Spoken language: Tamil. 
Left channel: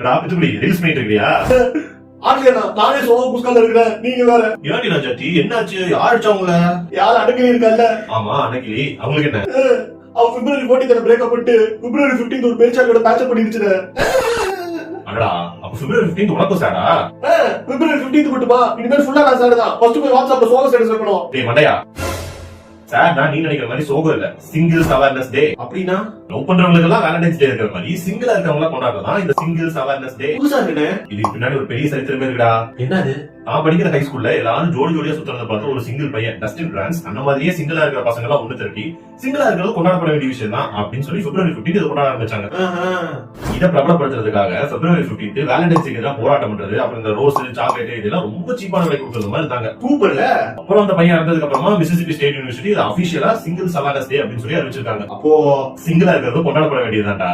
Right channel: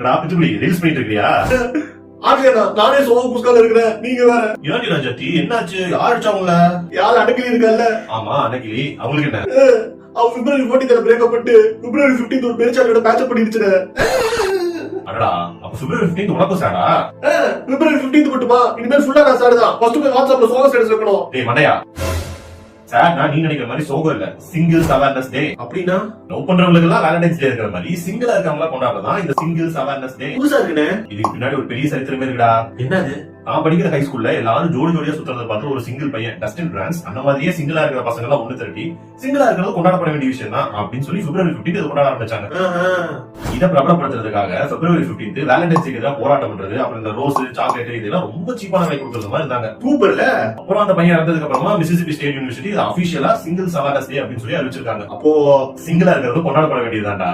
ரீல்ஸ் பண்ணிட்டு இருக்கியா? நானே சோக புஸ்கால இருக்கிறேன், நீங்க வேற. ஏன்டி ராஜாத்தி, என்னாச்சு? யார் அடிச்சவங்கள? யாரும் அடக்கலி இருக்கல்ல? ஆமா, அன்னைக்கு அவங்களுக்கு என்ன? அவ பிப்ரவரி 14 பிரேக்கப் பண்ணிட்டு பிப்ரவரி 15 ஒரு பேச்சாளரோட பேட்சப் பண்ணிடுச்சு. அடடா, அப்ப பிப்ரவரி 15 உனக்கும் சாடா? பிப்ரவரி 15 மட்டுமா? இனிமேல் ஃபுல்லா நான் சாடு தான். ஃபர்ஸ்ட் போய் வாட்ஸ்அப்ல சோக ஸ்டேட்டஸ் வைக்கணும். டேய் மண்டையா, சார் நான் நீ நினைக்கிற மாதிரி சோகம் இல்ல, சிங்கிள்ஸ் அவேர்னஸ் டே. அப்படின்னா லவ் பண்றவங்களுக்கு எல்லாம் வேலண்டைன்ஸ் டே இருக்கிற மாதிரி சிங்கிளா இருக்கவங்க கொண்டாடுறதா இந்த சிங்கிள்ஸ் அவேர்னஸ் டே. புதுசா இருக்குனே. இதுக்கு பின்னாடி ஒரு பெரிய சரித்திரமே இருக்குடா. என்னது? நான் படிக்கிற ஹை ஸ்கூல்ல எல்லாரும் ஜோடி ஜோடியா சுத்துறத பார்த்து ஒரு சிங்கிள் பையன் டஸ்டின் பிரான்ஸ் அந்த மாதிரியே சிங்கிளா இருக்கிற பசங்க எல்லாம் ஒண்ணு திரட்டி சிங்கிளா இருக்கிறது கொண்டாடப்பட வேண்டிய விஷயம் தான் அப்படின்னு சொல்லி பிப்ரவரி 15 இதை கொண்டாட ஆரம்பிச்சாங்க. இதை பிரபலப்படுத்துறதுக்காக பிப்ரவரி 15 வேலண்டைன்ஸ் டேக்கு எல்லாம் போராட்டம் பண்றது, அப்புறம் இந்த ரோஸ் சாக்லேட் இதெல்லாம் ரொம்ப சீப்பான விலை கொடுக்கறது மாதிரி இருந்தாங்க. சூப்பர்ல. அப்புறம் அந்த பையன் இறந்ததுக்கு அப்புறமா மிசிசிபி ஸ்டேட் யூனிவர்சிட்டி அபிஷியலா சிங்கிள்ஸ் அவேர்னஸ் டே அப்படின்னு சொல்லி அறிவிச்சிருக்காங்க. அப்போ சிங்கிளா இருக்கிறது கொண்டாடப்பட வேண்டியதுதான்டா.